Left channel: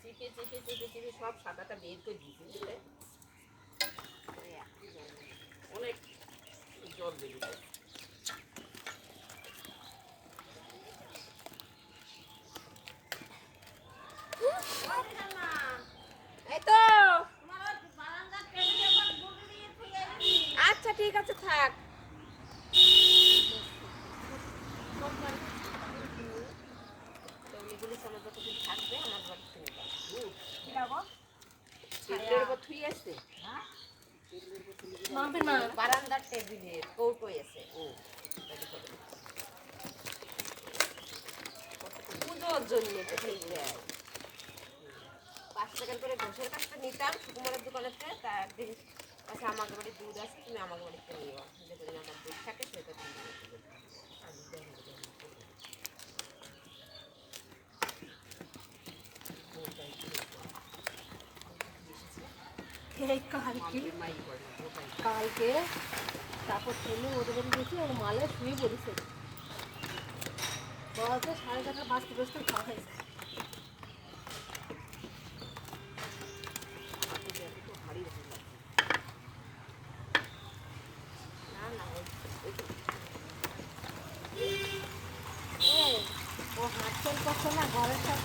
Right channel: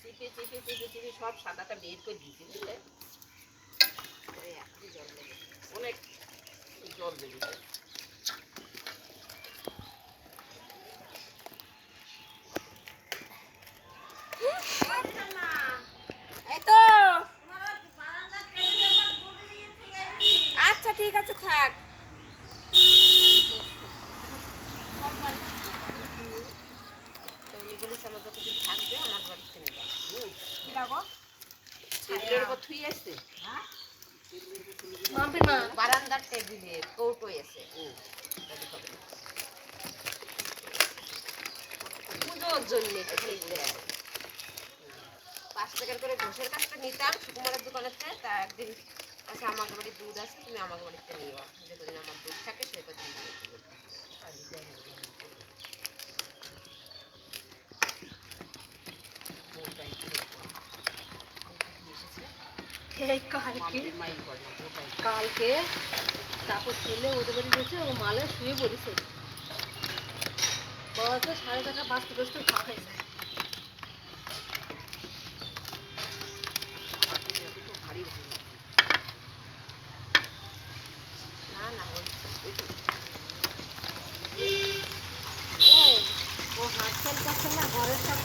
চিপে চিপে চিপে চিপে সব সাদাটা বের করে দিয়েছি, বুঝলে? অনেক জল লেগেছে। আচ্ছা ঠিক আছে থাক। আমার যতদিন থাকবে আমার বাড়িতে নেবা কি লাগো? টেবিলের উপর থুই আসছে। মাম্পি মা বারান্দার টেবিলে কৌটো এসে পুজোর জন্য 5 টাকার করে ঘোষের কাজটা নিতাম সুকুমারের দোকানেতে। তা একদিন আচ্ছা আমাকে বাড়ি দুধ আছে, তুমি আমাকে বাড়িতে নিও, যেদিন আমার দুধ থাকে সেটা তুমি কালকে তারপর ছেলে ওদের বাড়ি গেছে, ও মালে শুয়ে পড়েছে। বাবাকে 4:30 বাজতে বাজতে খাওয়া হয়েছে। না না ও হাত ফেল করছে না ঘরের সব